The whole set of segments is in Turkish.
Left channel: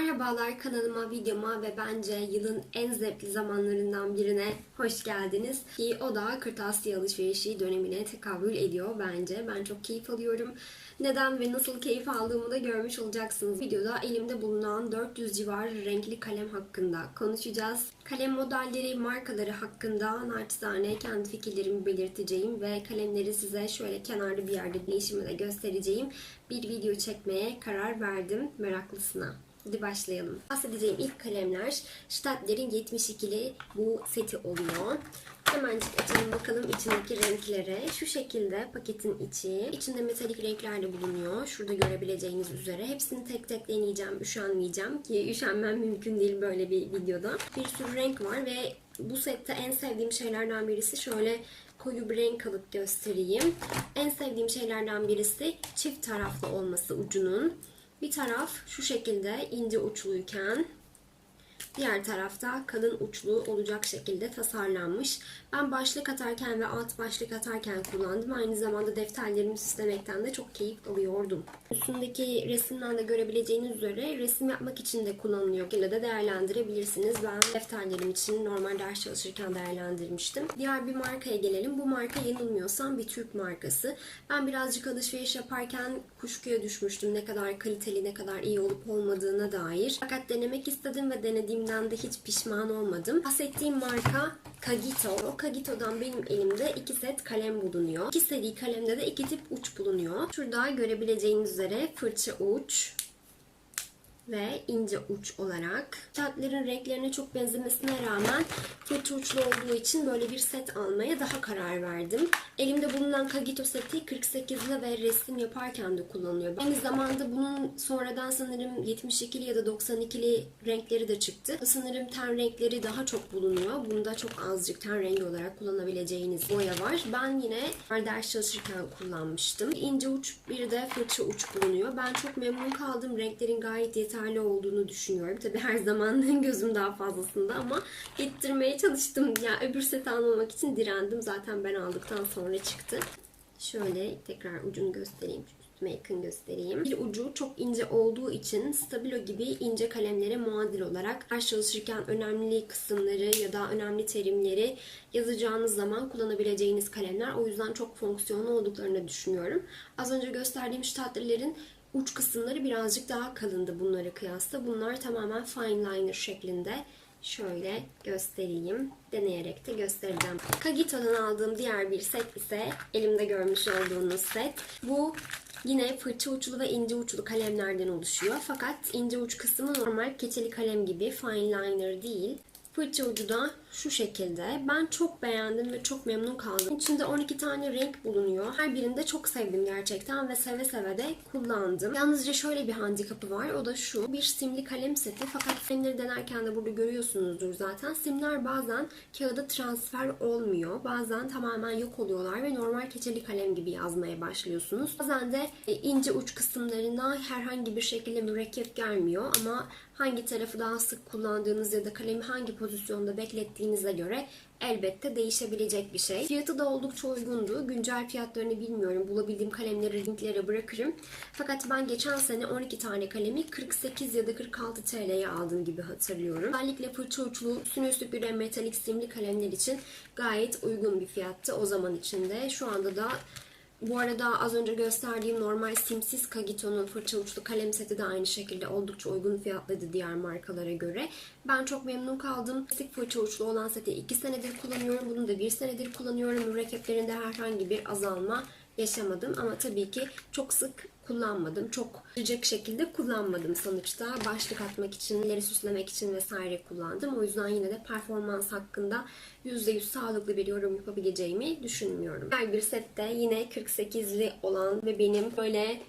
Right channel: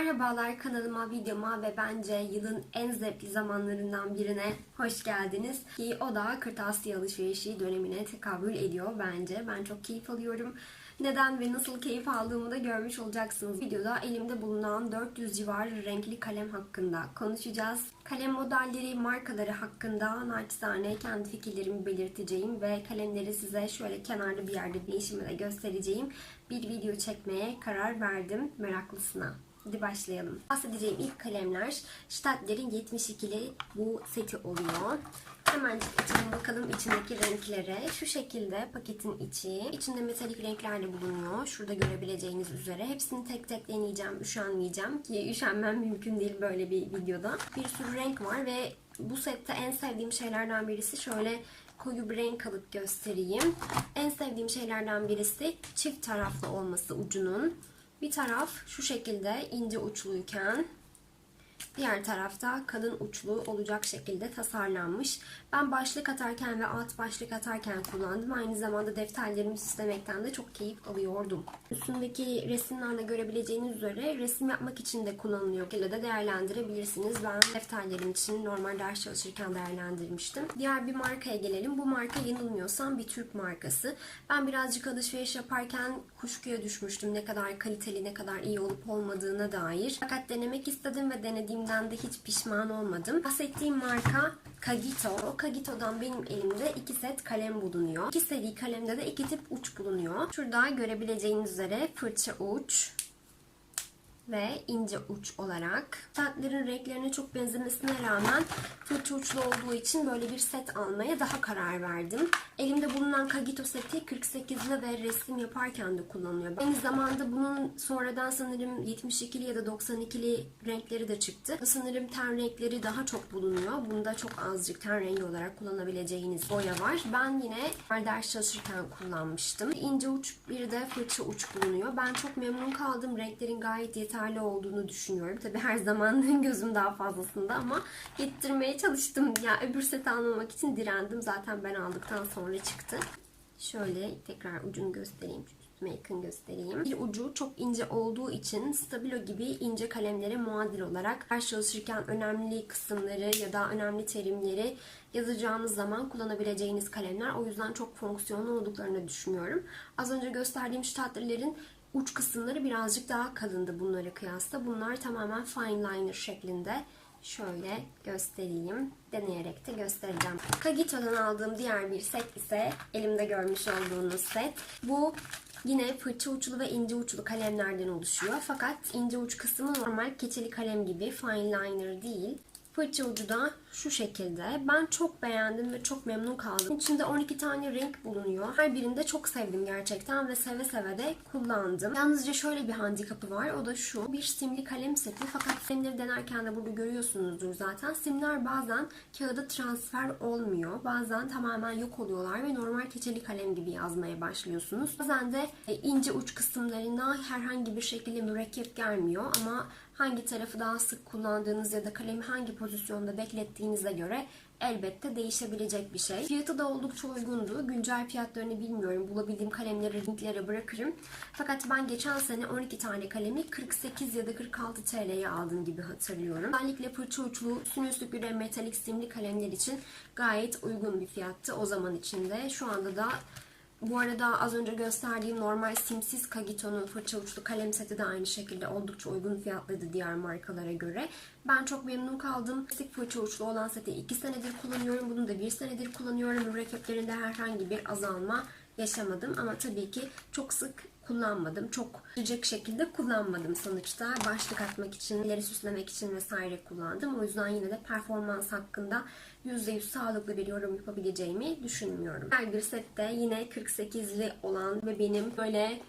Merhabalar kanalıma, videoma ve bence yılın en zevkli zamanlarından birine hoş geldiniz. Ki o da kırtasiye alışverişi dönemine tekabül ediyor bence. Ben çok keyif alıyorum. Neden ve nasıl keyif aldığımı da görmüş olacaksınız. Videoda elimde bulunan 400 civarı renkli kalem hakkında konuşacağız. Kalem modelleri, markaları hakkında naçizane kendi fikirlerimi belirteceğim ve kalemleri size şöyle kenarda bir yerde değişimi de göstereceğim bir video çekmeye karar verdim meraklısına. Hadi başlayalım. Bahsedeceğim ilk kalemler Stadler'in 72'li bu seti oluyor. Hemencik açalım bakalım içindeki renklere. Şu şekilde paketin içi. İçinde metalik renkler de bulunuyor. Şurada görebileceğiniz üzere. Hepsini tek tek deneyeceğim. Üşenmeyeceğim ki üşenmem mümkün değil böyle bir videoda. Bir sürü renk var ve bu sette en sevdiğim şeylerden birisi şöyle koyu bir renk alıp göstereyim. En sevdiğim şeylerden birisi çift taraflı olması ucunun. Bir taraf şu şekilde ince uçluyken diğer tarafta kalın uçlu olacak şekilde tasarlanmış. Ben başlık atarken ve alt başlık atarken kullandım. Aynı zamanda defterlerimi süslemekten de çok keyif alıyordum. Üstündeki resimden de görebileceğiniz üzere resim yapmak için de kullanılıyor. ile de değerlendirebilirsiniz. Ben defterlerim için normal ders çalışırken değerlendirmiştim. Diğer bir markaya gelelim. Bu marka yanılmıyorsam bir Türk markası. Ben birazcık alışveriş yaparken kuşkuya düşmüştüm. Ne kadar kaliteli, ne kadar iyi olup olmadığına dair. Fakat denemek istedim ve denediğimden de hiç pişman olmadım. Bahsettiğim marka Kagito. Kagito'dan benim elimde iki set kalem bulunuyor. İki seri kalemde de iki tip uç bulunuyor. Şurada görebileceğiniz üzere fırça uç, ve ince uç olarak. Kağıtların renklerine çok benzemesine rağmen fırça uçlu olduğu için böyle bir set almaya daha karar verdim. Elimde bulunan Kagito seti 48'li ve resim yaparken de kullanılıyor. Aynı zamanda bunun sonradan sanırım 72'li ya da 92'li renkleri de çıktı. Sanırım ten renkleri daha çok bulunuyor. Bunda çok azıcık ten rengi olarak kullanabileceğiniz boya var. Ben yine ders çalışırken kullanmıştım. İnce uç bir de fırça uç bulunuyor. Ben çok memnun kaldım. Renklerin gayet yeterli yeterli olduğunu düşünüyorum. Tabi her zaman gözüm daha fazlasında ama yettirmeye çalıştım. Ya öbür seti almamak için direndim. Zaten ben aldıktan sonra çıktı. Şöyle tekrar ucunu göstereyim. Üstüme yakın göstereyim. Bir ucu çok ince olduğu için stabilo gibi ince kalemlere muadil olarak ders çalışırken önemli kısımları ya da önemli terimleri yazacağınız zaman kullanabileceğiniz kalemler. O yüzden çok fonksiyonlu olduklarını düşünüyorum. Az önce gösterdiğim ştatlerlerin uç kısımları birazcık daha kalındı bunlara kıyasla. Bunlar tamamen fine liner şeklinde. Şöyle göstereyim. Deneyerek de göstereceğim. Kagito'dan aldığım diğer bir set ise elimde görmüş olduğunuz set. Bu Yine fırça uçlu ve ince uçlu kalemlerden oluşuyor. Fakat ince uç kısmı normal keçeli kalem gibi fine liner değil. Fırça ucu da şu şekilde. Ben çok beğendim ve çok memnun kaldım. İçinde 12 tane renk bulunuyor. Her birinde çok sevdim gerçekten ve seve seve de kullandım. Yalnızca şöyle bir handikapı var. O da şu. Bir simli kalem seti. Fakat simleri denerken de burada görüyorsunuzdur zaten. Simler bazen kağıda transfer olmuyor. Bazen tamamen yok oluyorlar ve normal keçeli kalem gibi yazmaya başlıyorsunuz. Bazen de e, ince uç kısımlarına herhangi bir şekilde mürekkep gelmiyor ama hangi tarafı daha sık kullandığınız ya da kalemi hangi pozisyonda beklettiğinize göre elbette değişebilecek bir şey. Fiyatı da oldukça uygundu. Güncel fiyatlarını bilmiyorum. Bulabildiğim kalemleri linklere bırakırım. Fakat ben geçen sene 12 tane kalemi 48 ya da 46 TL'ye aldım gibi hatırlıyorum. Özellikle fırça uçlu üstüne üstlük bir metalik simli kalemler için gayet uygun bir fiyattı o zaman içinde. Şu anda da bu arada az önce gösterdiğim normal simsiz Kagito'nun fırça uçlu kalem seti de aynı şekilde oldukça uygun fiyatlıydı diğer markalara göre. Ben çok memnun kaldım. Klasik fırça uçlu olan seti 2 senedir kullanıyorum. Bunu da 1 senedir kullanıyorum. Mürekkeplerinde herhangi bir azalma yaşamadım. Ama tabii ki çok sık kullanmadım. Çok sıcak şekilde kullanmadım sonuçta. Başlık atmak için, ileri süslemek için vesaire kullandım. O yüzden yine de performans hakkında %100 sağlıklı bir yorum yapabileceğimi düşünmüyorum. Her bir sette yine 48'li olan ve benim böyle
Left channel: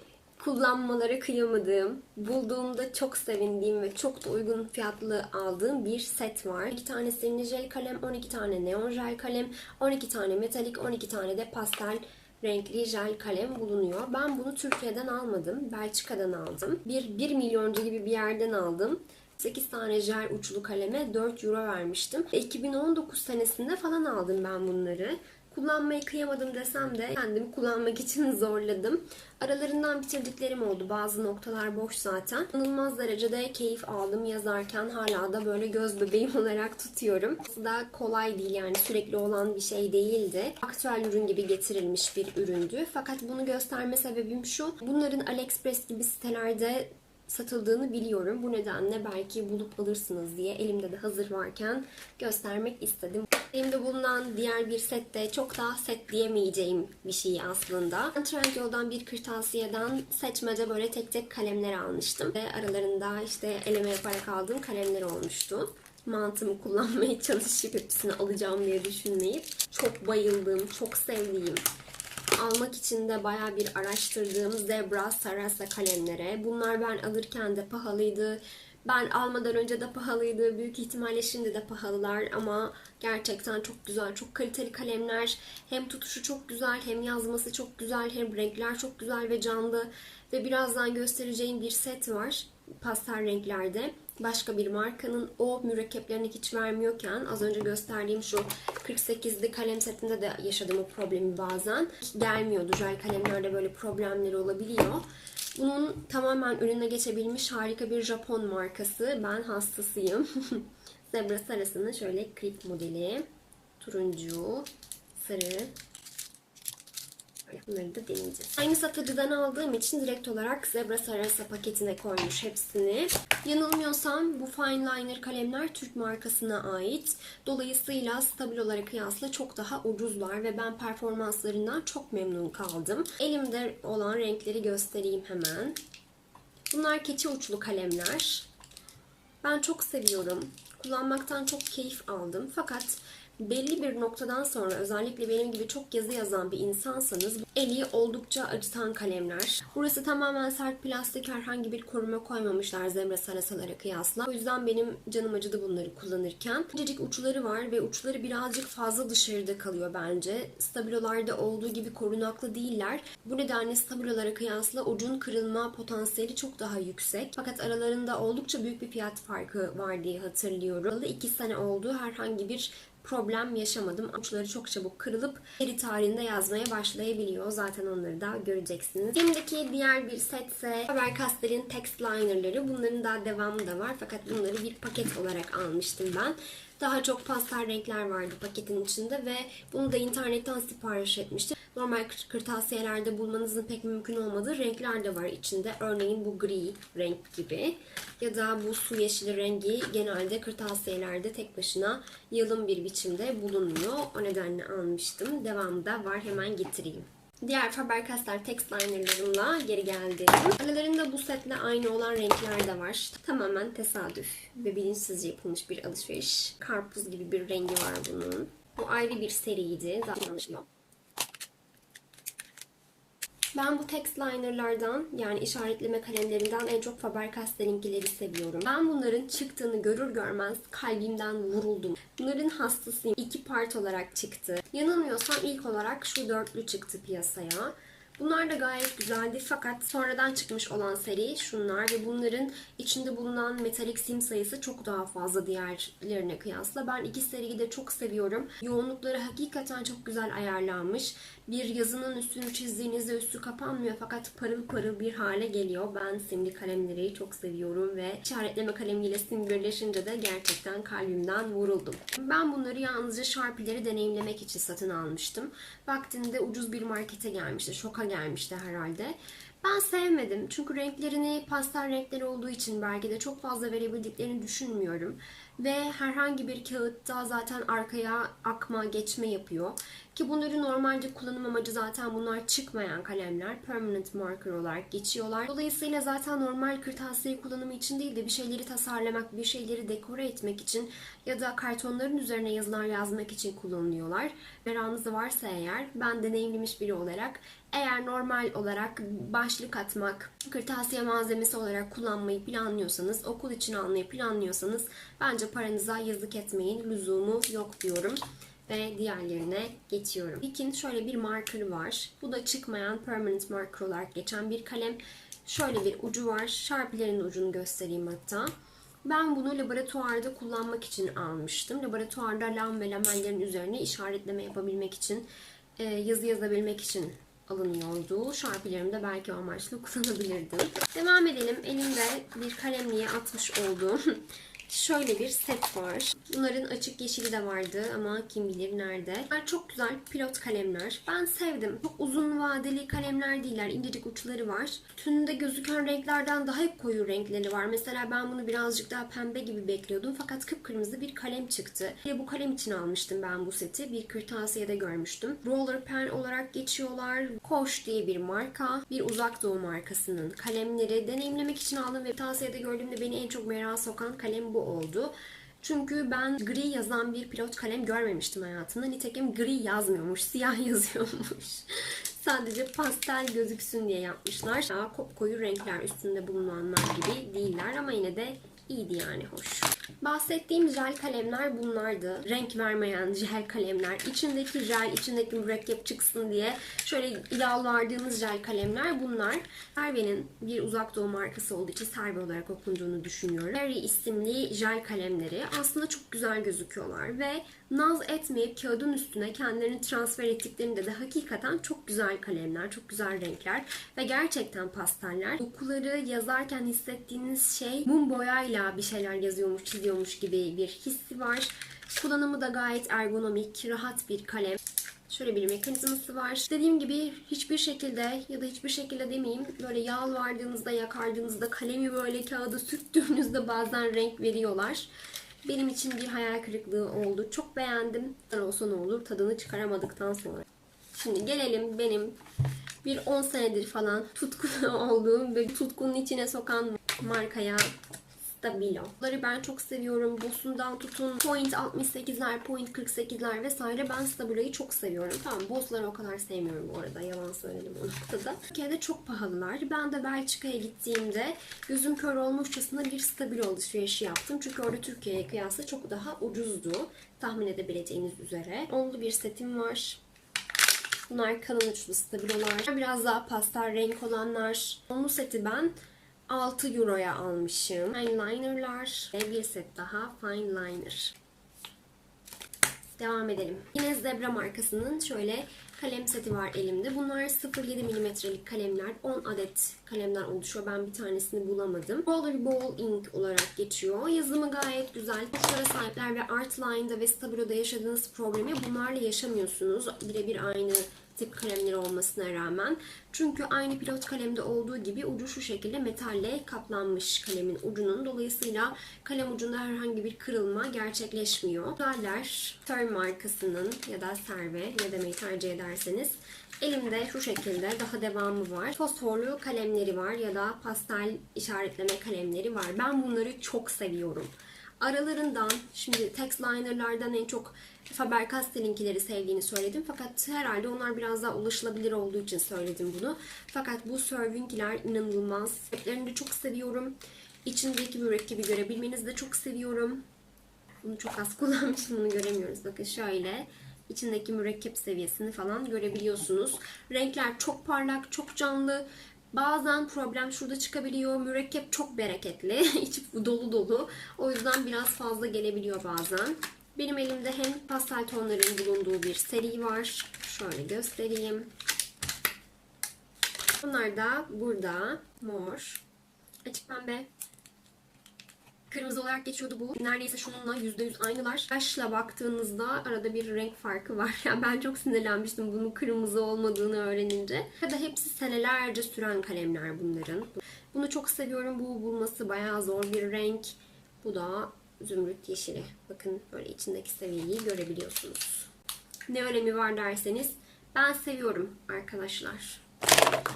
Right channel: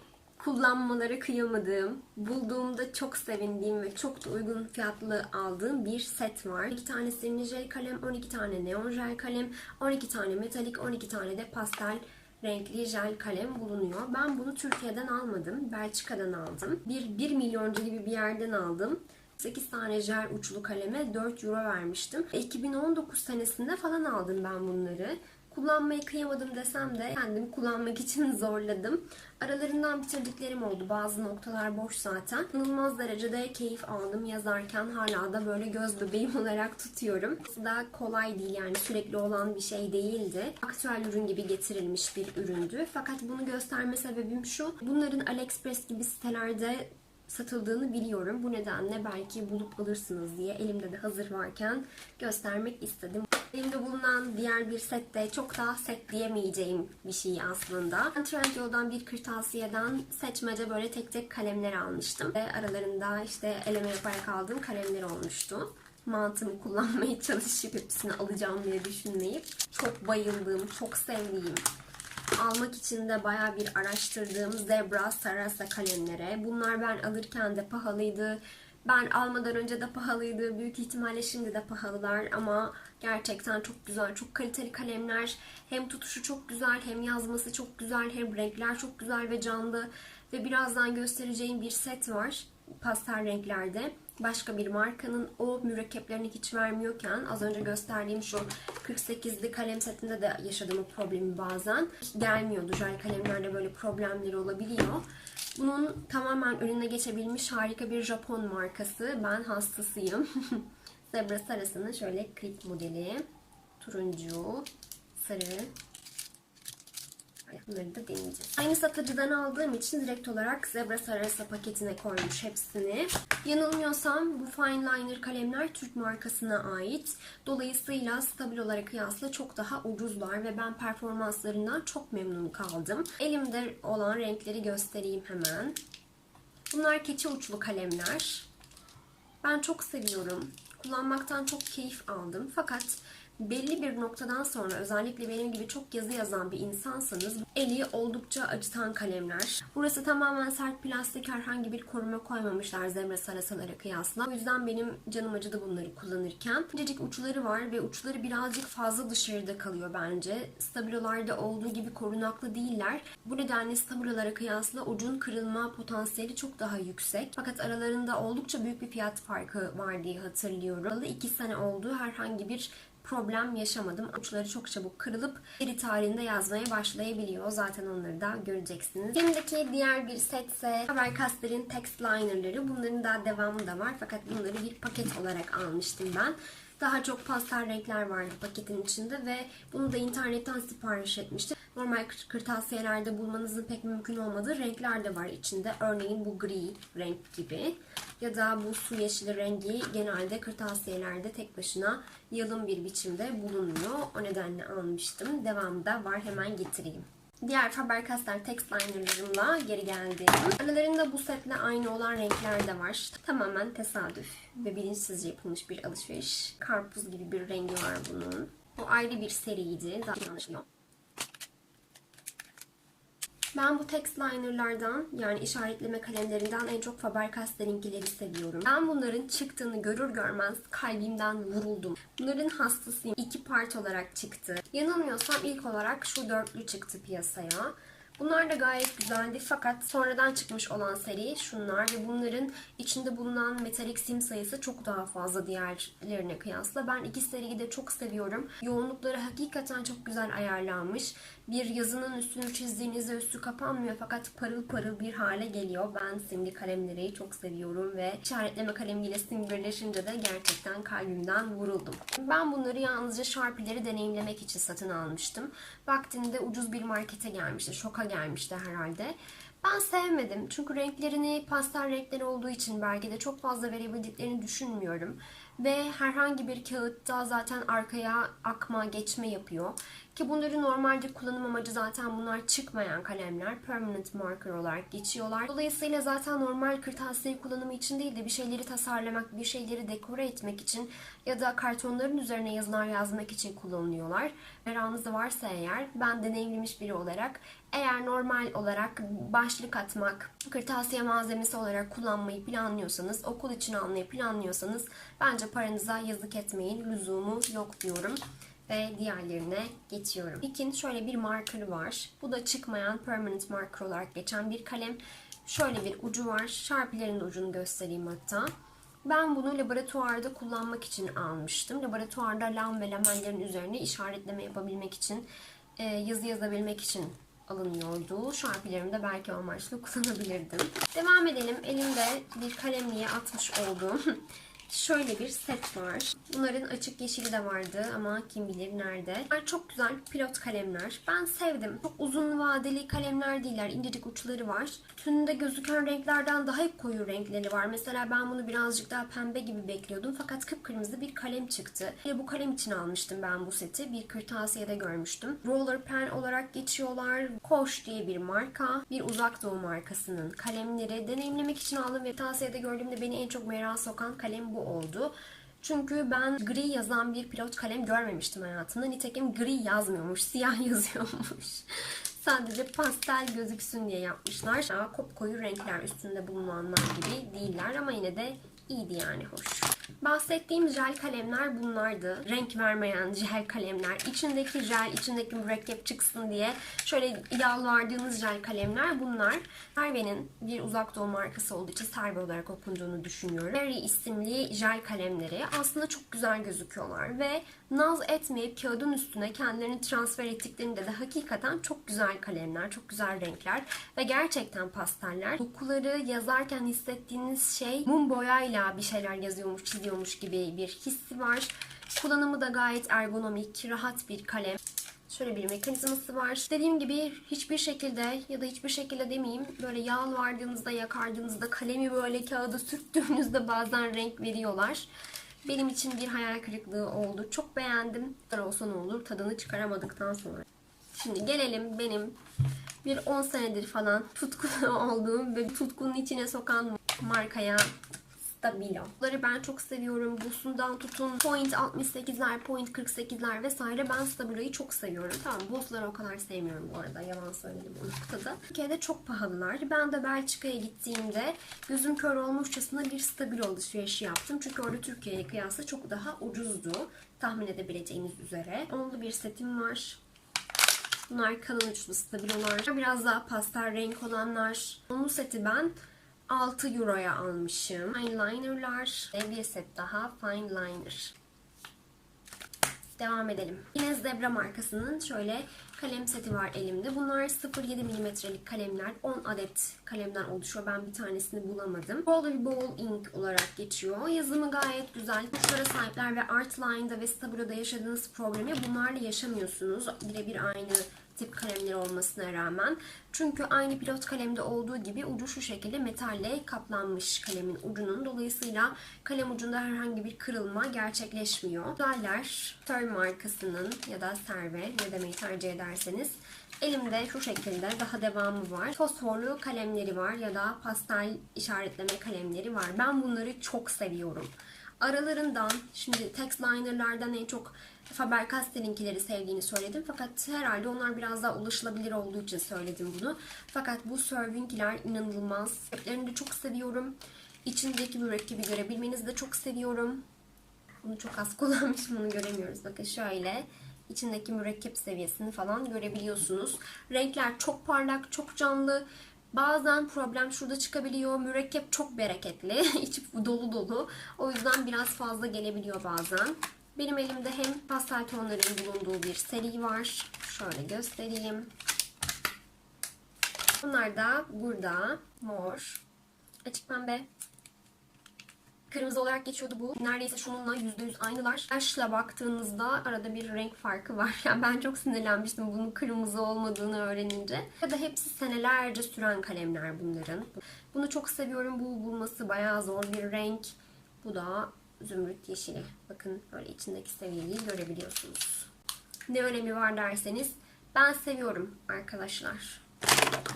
kullanmaları kıyamadığım, bulduğumda çok sevindiğim ve çok da uygun fiyatlı aldığım bir set var. 2 tane serin jel kalem, 12 tane neon jel kalem, 12 tane metalik, 12 tane de pastel renkli jel kalem bulunuyor. Ben bunu Türkiye'den almadım. Belçika'dan aldım. Bir 1 milyoncu gibi bir yerden aldım. 8 tane jel uçlu kaleme 4 euro vermiştim. 2019 senesinde falan aldım ben bunları. Kullanmayı kıyamadım desem de kendimi kullanmak için zorladım. Aralarından bitirdiklerim oldu. Bazı noktalar boş zaten. İnanılmaz derecede keyif aldım yazarken. Hala da böyle göz bebeğim olarak tutuyorum. Aslında kolay değil yani sürekli olan bir şey değildi. Aktüel ürün gibi getirilmiş bir üründü. Fakat bunu gösterme sebebim şu. Bunların AliExpress gibi sitelerde satıldığını biliyorum. Bu nedenle belki bulup alırsınız diye elimde de hazır varken göstermek istedim. Elimde bulunan diğer bir set de çok daha set diyemeyeceğim bir şey aslında. Trendyol'dan bir kırtasiyeden seçmece böyle tek tek kalemler almıştım. Ve aralarında işte eleme yaparak aldığım kalemler olmuştu mantığımı kullanmaya çalışıp hepsini alacağım diye düşünmeyip çok bayıldığım, çok sevdiğim almak için de baya bir araştırdığım Zebra Sarasa kalemlere. Bunlar ben alırken de pahalıydı. Ben almadan önce de pahalıydı. Büyük ihtimalle şimdi de pahalılar ama gerçekten çok güzel, çok kaliteli kalemler. Hem tutuşu çok güzel, hem yazması çok güzel, hem renkler çok güzel ve canlı. Ve birazdan göstereceğim bir set var pastel renklerde başka bir markanın o mürekkeplerini hiç vermiyorken az önce gösterdiğim şu 48'li kalem setinde de yaşadığım o problemi bazen gelmiyordu. Jel kalemlerde böyle problemleri olabiliyor. Bunun tamamen ürüne geçebilmiş harika bir Japon markası. Ben hastasıyım. Zebra sarısının şöyle klip modeli. Turuncu, sarı, Bunları da deneyeceğiz. Aynı satıcıdan aldığım için direkt olarak Zebra Sarasa paketine koymuş hepsini. Yanılmıyorsam bu Fine Liner kalemler Türk markasına ait. Dolayısıyla stabil olarak kıyasla çok daha ucuzlar ve ben performanslarından çok memnun kaldım. Elimde olan renkleri göstereyim hemen. Bunlar keçi uçlu kalemler. Ben çok seviyorum. Kullanmaktan çok keyif aldım. Fakat belli bir noktadan sonra özellikle benim gibi çok yazı yazan bir insansanız eli oldukça acıtan kalemler. Burası tamamen sert plastik herhangi bir koruma koymamışlar zebra sarasalara kıyasla. O yüzden benim canım acıdı bunları kullanırken. İncecik uçları var ve uçları birazcık fazla dışarıda kalıyor bence. Stabilolarda olduğu gibi korunaklı değiller. Bu nedenle stabilolara kıyasla ucun kırılma potansiyeli çok daha yüksek. Fakat aralarında oldukça büyük bir fiyat farkı var diye hatırlıyorum. 2 sene oldu herhangi bir problem yaşamadım. Uçları çok çabuk kırılıp eri tarihinde yazmaya başlayabiliyor. Zaten onları da göreceksiniz. Elimdeki diğer bir setse Faber-Castell'in text linerları. Bunların daha devamı da var. Fakat bunları bir paket olarak almıştım ben. Daha çok pastel renkler vardı paketin içinde ve bunu da internetten sipariş etmiştim. Normal kırtasiyelerde bulmanızın pek mümkün olmadığı renkler de var içinde. Örneğin bu gri renk gibi ya da bu su yeşili rengi genelde kırtasiyelerde tek başına yalın bir biçimde bulunuyor. O nedenle almıştım. Devamı da var hemen getireyim. Diğer Faber-Castell text linerlarımla geri geldim. Aralarında bu setle aynı olan renkler de var. Tamamen tesadüf ve bilinçsizce yapılmış bir alışveriş. Karpuz gibi bir rengi var bunun. Bu ayrı bir seriydi. Zaten anlaşılıyor. Ben bu text linerlardan yani işaretleme kalemlerinden en çok Faber-Castell'inkileri seviyorum. Ben bunların çıktığını görür görmez kalbimden vuruldum. Bunların hastasıyım. İki part olarak çıktı. Yanılmıyorsam ilk olarak şu dörtlü çıktı piyasaya. Bunlar da gayet güzeldi fakat sonradan çıkmış olan seri şunlar ve bunların içinde bulunan metalik sim sayısı çok daha fazla diğerlerine kıyasla. Ben iki seriyi de çok seviyorum. Yoğunlukları hakikaten çok güzel ayarlanmış. Bir yazının üstünü çizdiğinizde üstü kapanmıyor fakat parıl parıl bir hale geliyor. Ben simli kalemleri çok seviyorum ve işaretleme kalemiyle sim birleşince de gerçekten kalbimden vuruldum. Ben bunları yalnızca Sharpie'leri deneyimlemek için satın almıştım. Vaktinde ucuz bir markete gelmişti. Şoka gelmişti herhalde. Ben sevmedim. Çünkü renklerini pastel renkleri olduğu için belki de çok fazla verebildiklerini düşünmüyorum. Ve herhangi bir kağıtta zaten arkaya akma, geçme yapıyor. Ki bunları normalde kullanım amacı zaten bunlar çıkmayan kalemler. Permanent marker olarak geçiyorlar. Dolayısıyla zaten normal kırtasiye kullanımı için değil de bir şeyleri tasarlamak, bir şeyleri dekore etmek için ya da kartonların üzerine yazılar yazmak için kullanılıyorlar. Meranız varsa eğer ben deneyimlemiş biri olarak eğer normal olarak başlık atmak, kırtasiye malzemesi olarak kullanmayı planlıyorsanız, okul için almayı planlıyorsanız bence paranıza yazık etmeyin. Lüzumu yok diyorum ve diğerlerine geçiyorum. İkin şöyle bir marker var. Bu da çıkmayan permanent marker olarak geçen bir kalem. Şöyle bir ucu var. Sharpie'lerin ucunu göstereyim hatta. Ben bunu laboratuvarda kullanmak için almıştım. Laboratuvarda lam ve lamellerin üzerine işaretleme yapabilmek için, e, yazı yazabilmek için alınıyordu. Şarpilerimde belki o amaçla kullanabilirdim. Devam edelim. Elimde bir kalemliğe atmış olduğum şöyle bir set var. Bunların açık yeşili de vardı ama kim bilir nerede. Bunlar çok güzel pilot kalemler. Ben sevdim. Çok uzun vadeli kalemler değiller. İncecik uçları var. Tünde gözüken renklerden daha koyu renkleri var. Mesela ben bunu birazcık daha pembe gibi bekliyordum. Fakat kıpkırmızı bir kalem çıktı. Ve bu kalem için almıştım ben bu seti. Bir kırtasiyede görmüştüm. Roller pen olarak geçiyorlar. Koş diye bir marka. Bir uzak doğu markasının kalemleri. Deneyimlemek için aldım ve kırtasiyede gördüğümde beni en çok merak sokan kalem bu oldu. Çünkü ben gri yazan bir pilot kalem görmemiştim hayatımda. Nitekim gri yazmıyormuş, siyah yazıyormuş. Sadece pastel gözüksün diye yapmışlar. Daha koyu renkler üstünde bulunanlar gibi değiller ama yine de iyiydi yani hoş. Bahsettiğim jel kalemler bunlardı. Renk vermeyen jel kalemler. İçindeki jel, içindeki mürekkep çıksın diye şöyle yalvardığınız jel kalemler bunlar. Serve'nin bir uzak doğu markası olduğu için Serve olarak okunduğunu düşünüyorum. Berry isimli jel kalemleri aslında çok güzel gözüküyorlar ve naz etmeyip kağıdın üstüne kendilerini transfer ettiklerinde de hakikaten çok güzel kalemler, çok güzel renkler ve gerçekten pasteller. Dokuları yazarken hissettiğiniz şey mum boyayla bir şeyler yazıyormuş, çiziyormuş gibi bir hissi var. Kullanımı da gayet ergonomik, rahat bir kalem. Şöyle bir mekanizması var. Dediğim gibi hiçbir şekilde ya da hiçbir şekilde demeyeyim böyle yalvardığınızda, yakardığınızda, kalemi böyle kağıda sürttüğünüzde bazen renk veriyorlar. Benim için bir hayal kırıklığı oldu. Çok beğendim. Olsa ne olur tadını çıkaramadıktan sonra. Şimdi gelelim benim bir 10 senedir falan tutkun olduğum ve tutkunun içine sokan markaya Stabilo. Bunları ben çok seviyorum. Boss'undan tutun point 68'ler, point 48'ler vesaire. Ben Stabilo'yu çok seviyorum. Tamam Boss'ları o kadar sevmiyorum bu arada. Yalan söyledim o noktada. Türkiye'de çok pahalılar. Ben de Belçika'ya gittiğimde gözüm kör olmuşçasına bir Stabilo alışverişi yaptım. Çünkü orada Türkiye'ye kıyasla çok daha ucuzdu. Tahmin edebileceğiniz üzere. Onlu bir setim var. Bunlar kalın uçlu stabilolar. Biraz daha pastel renk olanlar. Onlu seti ben 6 euroya almışım. Fine liner'lar ve bir set daha fine liner. Devam edelim. Yine Zebra markasının şöyle kalem seti var elimde. Bunlar 0.7 milimetrelik kalemler. 10 adet kalemden oluşuyor. Ben bir tanesini bulamadım. Rollerball Ink olarak geçiyor. Yazımı gayet güzel. Uçlara sahipler ve Artline'da ve Stabilo'da yaşadığınız problemi bunlarla yaşamıyorsunuz. Birebir aynı tip kalemleri olmasına rağmen. Çünkü aynı pilot kalemde olduğu gibi ucu şu şekilde metalle kaplanmış kalemin ucunun. Dolayısıyla kalem ucunda herhangi bir kırılma gerçekleşmiyor. Modeller Term markasının ya da Serve ne demeyi tercih ederseniz Elimde şu şekilde daha devamı var. Fosforlu kalemleri var ya da pastel işaretleme kalemleri var. Ben bunları çok seviyorum. Aralarından şimdi text liner'lardan en çok Faber-Castell'inkileri sevdiğini söyledim. Fakat herhalde onlar biraz daha ulaşılabilir olduğu için söyledim bunu. Fakat bu Serving'ler inanılmaz. Replerini de çok seviyorum. İçindeki mürekkebi görebilmenizi de çok seviyorum. Bunu çok az kullanmışım bunu göremiyoruz. Bakın şöyle içindeki mürekkep seviyesini falan görebiliyorsunuz. Renkler çok parlak, çok canlı. Bazen problem şurada çıkabiliyor. Mürekkep çok bereketli. İçi dolu dolu. O yüzden biraz fazla gelebiliyor bazen. Benim elimde hem pastel tonların bulunduğu bir seri var. Şöyle göstereyim. Bunlar da burada mor, açık pembe, kırmızı olarak geçiyordu bu. Neredeyse şununla %100 aynılar. Yaşla baktığınızda arada bir renk farkı var. Yani ben çok sinirlenmiştim bunun kırmızı olmadığını öğrenince. Ya da hepsi senelerce süren kalemler bunların. Bunu çok seviyorum. Bu bulması bayağı zor bir renk. Bu da zümrüt yeşili. Bakın böyle içindeki seviyeyi görebiliyorsunuz. Ne önemi var derseniz ben seviyorum arkadaşlar.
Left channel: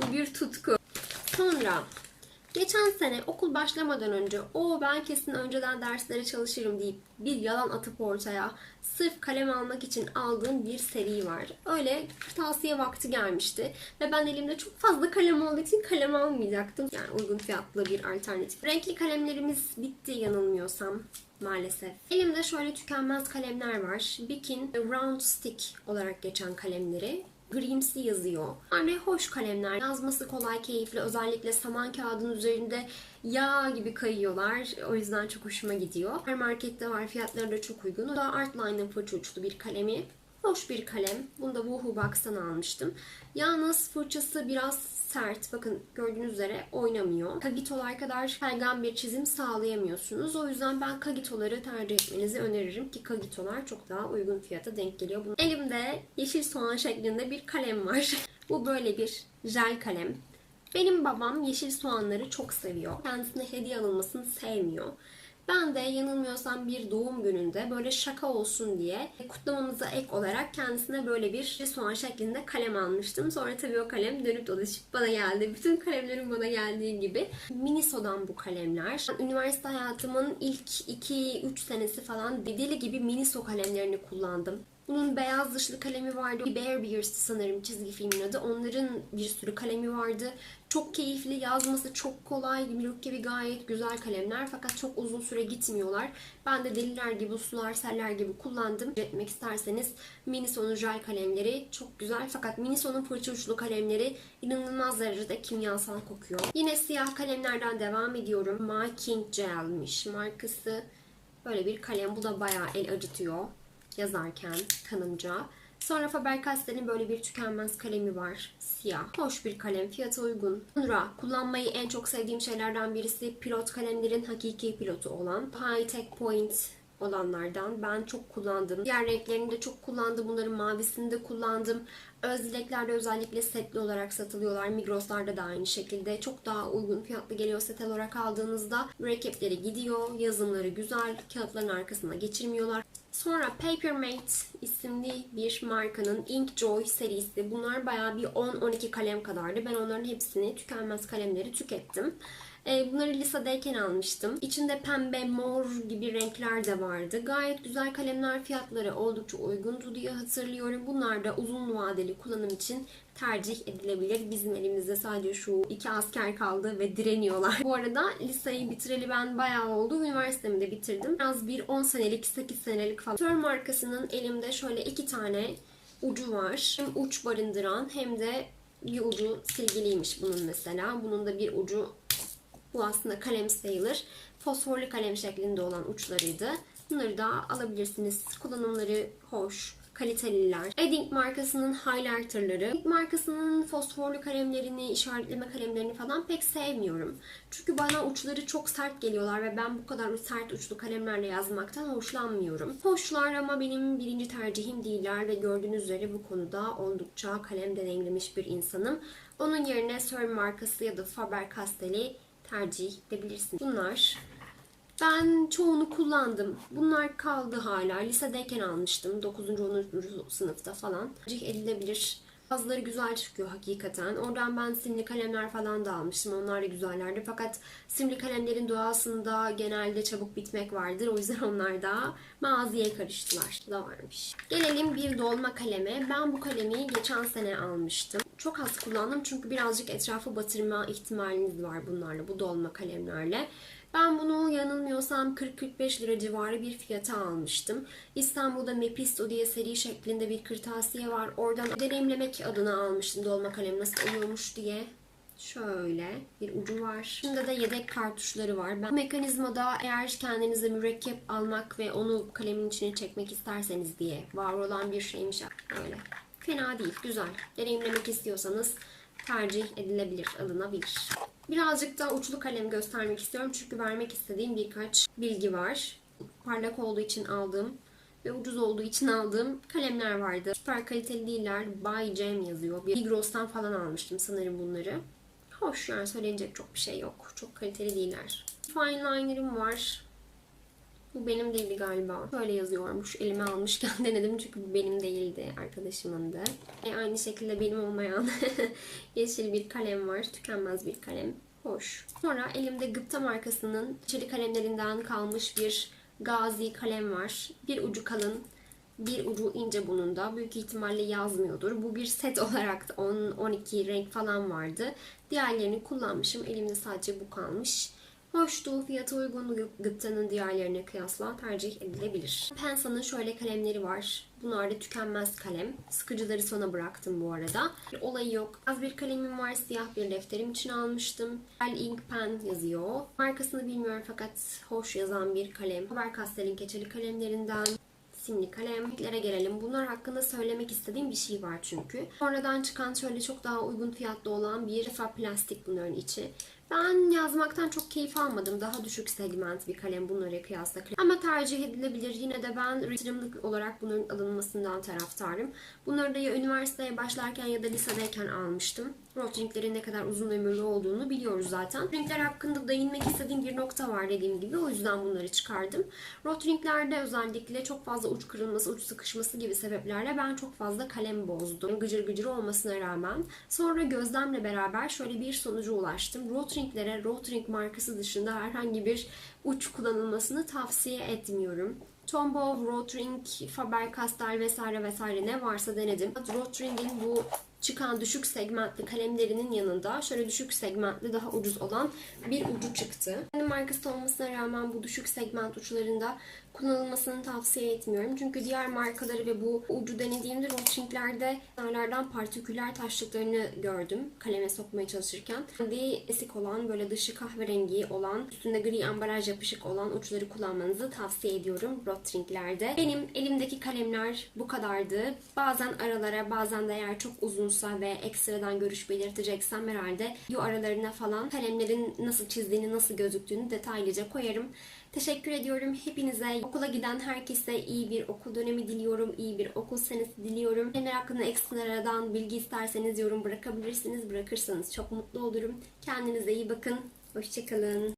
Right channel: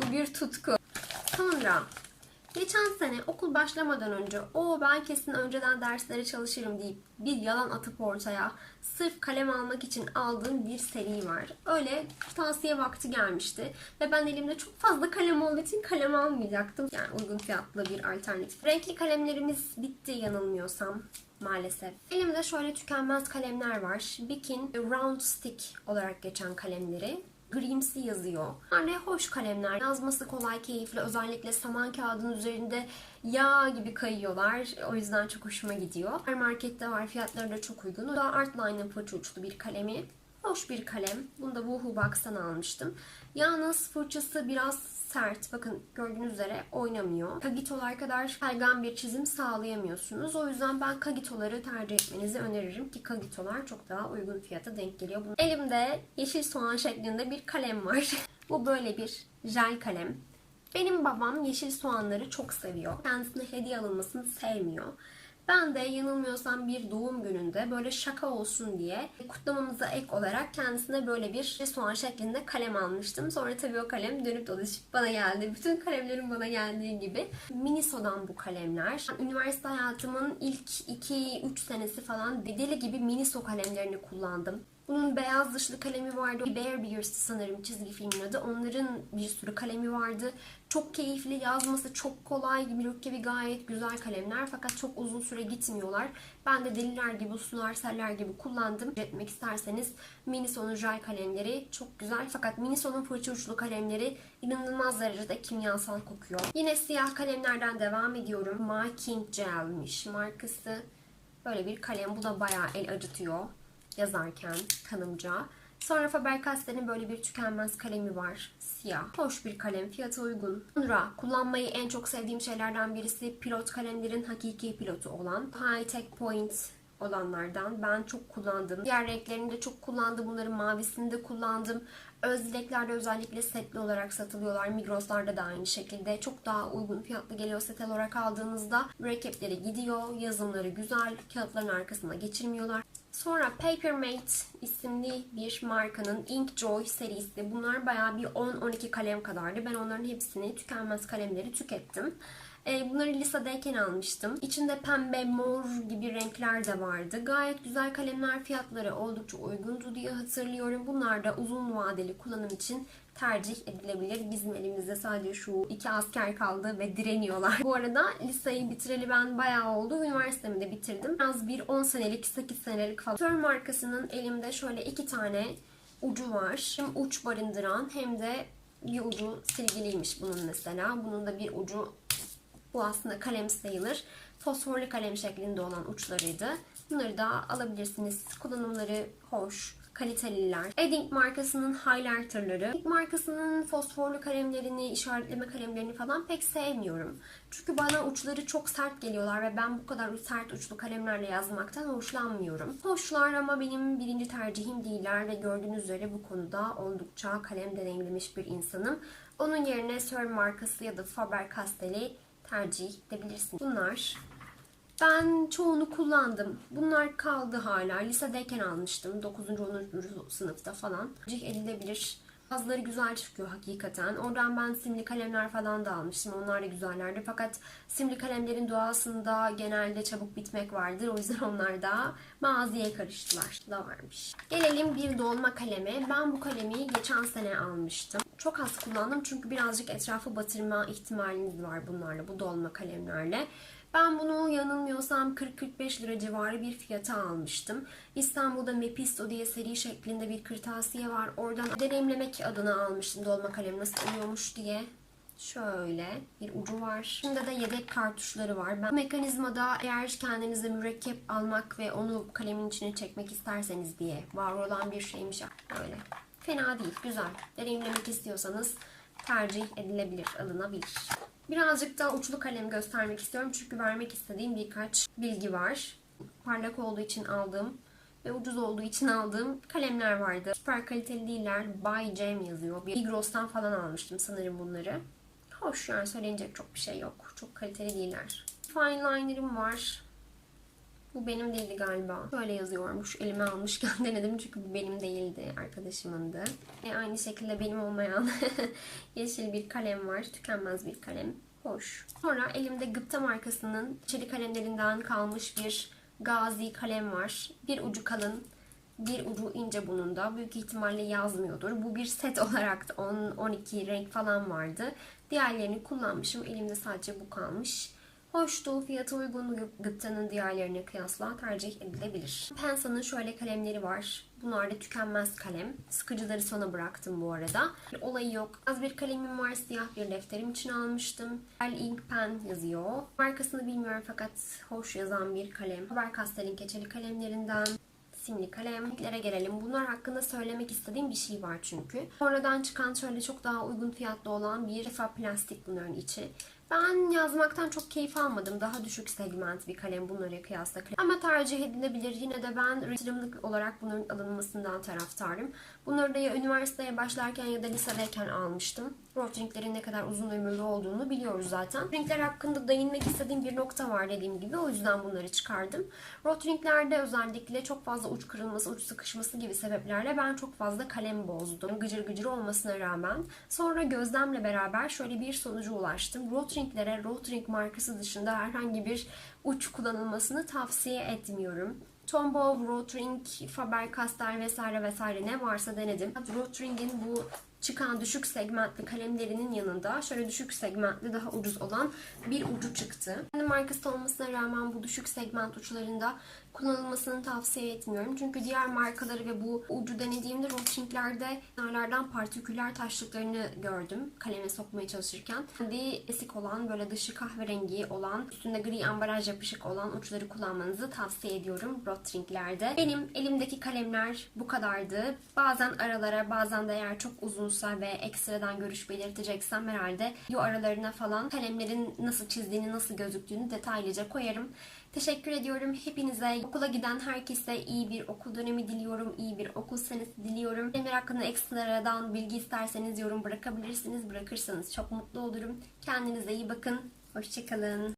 Bu bir tutku. Sonra geçen sene okul başlamadan önce o ben kesin önceden derslere çalışırım deyip bir yalan atıp ortaya sırf kalem almak için aldığım bir seri var. Öyle kırtasiye vakti gelmişti ve ben elimde çok fazla kalem olduğu için kalem almayacaktım. Yani uygun fiyatlı bir alternatif. Renkli kalemlerimiz bitti yanılmıyorsam maalesef. Elimde şöyle tükenmez kalemler var. Bikin Round Stick olarak geçen kalemleri. Grimsi yazıyor. Yani hoş kalemler. Yazması kolay, keyifli. Özellikle saman kağıdının üzerinde yağ gibi kayıyorlar. O yüzden çok hoşuma gidiyor. Her markette var. Fiyatları da çok uygun. O da Artline'ın fırça uçlu bir kalemi. Hoş bir kalem. Bunu da Woohoo Box'tan almıştım. Yalnız fırçası biraz sert. Bakın gördüğünüz üzere oynamıyor. Kagitolar kadar kaygan bir çizim sağlayamıyorsunuz. O yüzden ben kagitoları tercih etmenizi öneririm ki kagitolar çok daha uygun fiyata denk geliyor. Bunun elimde yeşil soğan şeklinde bir kalem var. Bu böyle bir jel kalem. Benim babam yeşil soğanları çok seviyor. Kendisine hediye alınmasını sevmiyor. Ben de yanılmıyorsam bir doğum gününde böyle şaka olsun diye kutlamamıza ek olarak kendisine böyle bir soğan şeklinde kalem almıştım. Sonra tabii o kalem dönüp dolaşıp bana geldi. Bütün kalemlerin bana geldiği gibi. Miniso'dan bu kalemler. Üniversite hayatımın ilk 2-3 senesi falan deli gibi Miniso kalemlerini kullandım. Bunun beyaz dışlı kalemi vardı. Bear Bears'tı sanırım çizgi filmin adı. Onların bir sürü kalemi vardı. Çok keyifli, yazması çok kolay, mürekkebi gayet güzel kalemler fakat çok uzun süre gitmiyorlar. Ben de deliler gibi, sular, seller gibi kullandım. Etmek isterseniz Miniso'nun jel kalemleri çok güzel fakat Miniso'nun fırça uçlu kalemleri inanılmaz derecede kimyasal kokuyor. Yine siyah kalemlerden devam ediyorum. My King Gel'miş markası. Böyle bir kalem. Bu da bayağı el acıtıyor yazarken kanımca. Sonra Faber-Castell'in böyle bir tükenmez kalemi var. Siyah. Hoş bir kalem. Fiyatı uygun. Sonra kullanmayı en çok sevdiğim şeylerden birisi pilot kalemlerin hakiki pilotu olan High Tech Point olanlardan. Ben çok kullandım. Diğer renklerini de çok kullandım. Bunların mavisini de kullandım. Öz dileklerde özellikle setli olarak satılıyorlar. Migros'larda da aynı şekilde. Çok daha uygun fiyatlı geliyor set olarak aldığınızda. Mürekkepleri gidiyor. Yazımları güzel. Kağıtların arkasına geçirmiyorlar. Sonra Papermate isimli bir markanın Inkjoy serisi. Bunlar bayağı bir 10-12 kalem kadardı. Ben onların hepsini tükenmez kalemleri tükettim. E, Bunları lisedeyken almıştım. İçinde pembe, mor gibi renkler de vardı. Gayet güzel kalemler fiyatları oldukça uygundu diye hatırlıyorum. Bunlar da uzun vadeli kullanım için tercih edilebilir. Bizim elimizde sadece şu iki asker kaldı ve direniyorlar. Bu arada liseyi bitireli ben bayağı oldu. Üniversitemi de bitirdim. Az bir 10 senelik, 8 senelik falan. Sör markasının elimde şöyle iki tane ucu var. Hem uç barındıran hem de bir ucu silgiliymiş bunun mesela. Bunun da bir ucu bu aslında kalem sayılır. Fosforlu kalem şeklinde olan uçlarıydı. Bunları da alabilirsiniz. Kullanımları hoş, kaliteliler. Edding markasının highlighterları. Edding markasının fosforlu kalemlerini, işaretleme kalemlerini falan pek sevmiyorum. Çünkü bana uçları çok sert geliyorlar ve ben bu kadar sert uçlu kalemlerle yazmaktan hoşlanmıyorum. Hoşlar ama benim birinci tercihim değiller ve gördüğünüz üzere bu konuda oldukça kalem deneyimlemiş bir insanım. Onun yerine Sir markası ya da Faber-Castell'i tercih edebilirsiniz. Bunlar ben çoğunu kullandım. Bunlar kaldı hala. Lisedeyken almıştım. 9. 10. sınıfta falan. Tercih edilebilir. Bazıları güzel çıkıyor hakikaten. Oradan ben simli kalemler falan da almıştım. Onlar da güzellerdi. Fakat simli kalemlerin doğasında genelde çabuk bitmek vardır. O yüzden onlar da maziye karıştılar. Da varmış. Gelelim bir dolma kaleme. Ben bu kalemi geçen sene almıştım. Çok az kullandım çünkü birazcık etrafı batırma ihtimaliniz var bunlarla. Bu dolma kalemlerle. Ben bunu yanılmıyorsam 40-45 lira civarı bir fiyata almıştım. İstanbul'da Mepisto diye seri şeklinde bir kırtasiye var. Oradan deneyimlemek adına almıştım dolma kalem nasıl oluyormuş diye. Şöyle bir ucu var. Şimdi de yedek kartuşları var. Ben mekanizmada eğer kendinize mürekkep almak ve onu kalemin içine çekmek isterseniz diye var olan bir şeymiş. Böyle. Fena değil, güzel. Deneyimlemek istiyorsanız tercih edilebilir, alınabilir. Birazcık daha uçlu kalem göstermek istiyorum çünkü vermek istediğim birkaç bilgi var. Parlak olduğu için aldığım ve ucuz olduğu için aldığım kalemler vardı. Süper kaliteli değiller. By Jam yazıyor. Bir Migros'tan falan almıştım sanırım bunları. Hoş yani söylenecek çok bir şey yok. Çok kaliteli değiller. Fine liner'ım var. Bu benim değildi galiba. Böyle yazıyormuş. Elime almışken denedim çünkü bu benim değildi. Arkadaşımındı. E, aynı şekilde benim olmayan yeşil bir kalem var. Tükenmez bir kalem. Hoş. Sonra elimde Gıpta markasının çelik kalemlerinden kalmış bir Gazi kalem var. Bir ucu kalın, bir ucu ince bunun da. Büyük ihtimalle yazmıyordur. Bu bir set olarak da 10-12 renk falan vardı. Diğerlerini kullanmışım. Elimde sadece bu kalmış. Hoştu, fiyatı uygun gıptanın diğerlerine kıyasla tercih edilebilir. Pensa'nın şöyle kalemleri var. Bunlar da tükenmez kalem. Sıkıcıları sona bıraktım bu arada. Bir olayı yok. Az bir kalemim var. Siyah bir defterim için almıştım. El Ink Pen yazıyor. Markasını bilmiyorum fakat hoş yazan bir kalem. Faber-Castell'in keçeli kalemlerinden simli kalem. Renklere gelelim. Bunlar hakkında söylemek istediğim bir şey var çünkü. Sonradan çıkan şöyle çok daha uygun fiyatlı olan bir defa plastik bunların içi. Ben yazmaktan çok keyif almadım. Daha düşük segment bir kalem bunlara kıyasla. Ama tercih edilebilir. Yine de ben yatırımlık olarak bunların alınmasından taraftarım. Bunları da ya üniversiteye başlarken ya da lisedeyken almıştım. Rotringlerin ne kadar uzun ömürlü olduğunu biliyoruz zaten. Renkler hakkında değinmek istediğim bir nokta var dediğim gibi. O yüzden bunları çıkardım. Rotringlerde özellikle çok fazla uç kırılması, uç sıkışması gibi sebeplerle ben çok fazla kalem bozdum. Gıcır gıcır olmasına rağmen. Sonra gözlemle beraber şöyle bir sonuca ulaştım. Rotringlere Rotring markası dışında herhangi bir uç kullanılmasını tavsiye etmiyorum. Tombow, Rotring, Faber-Castell vesaire vesaire ne varsa denedim. Rotring'in bu çıkan düşük segmentli kalemlerinin yanında şöyle düşük segmentli daha ucuz olan bir ucu çıktı. Kendi markası olmasına rağmen bu düşük segment uçlarında kullanılmasını tavsiye etmiyorum. Çünkü diğer markaları ve bu ucu denediğimde Rotring'lerde kenarlardan partiküler taşlıklarını gördüm kaleme sokmaya çalışırken. Kendi esik olan böyle dışı kahverengi olan üstünde gri ambalaj yapışık olan uçları kullanmanızı tavsiye ediyorum Rotring'lerde. Benim elimdeki kalemler bu kadardı. Bazen aralara bazen de eğer çok uzunsa ve ekstradan görüş belirteceksem herhalde video aralarına falan kalemlerin nasıl çizdiğini nasıl gözüktüğünü detaylıca koyarım. Teşekkür ediyorum hepinize. Okula giden herkese iyi bir okul dönemi diliyorum. iyi bir okul senesi diliyorum. Kalemler hakkında ekstradan bilgi isterseniz yorum bırakabilirsiniz. Bırakırsanız çok mutlu olurum. Kendinize iyi bakın. Hoşçakalın.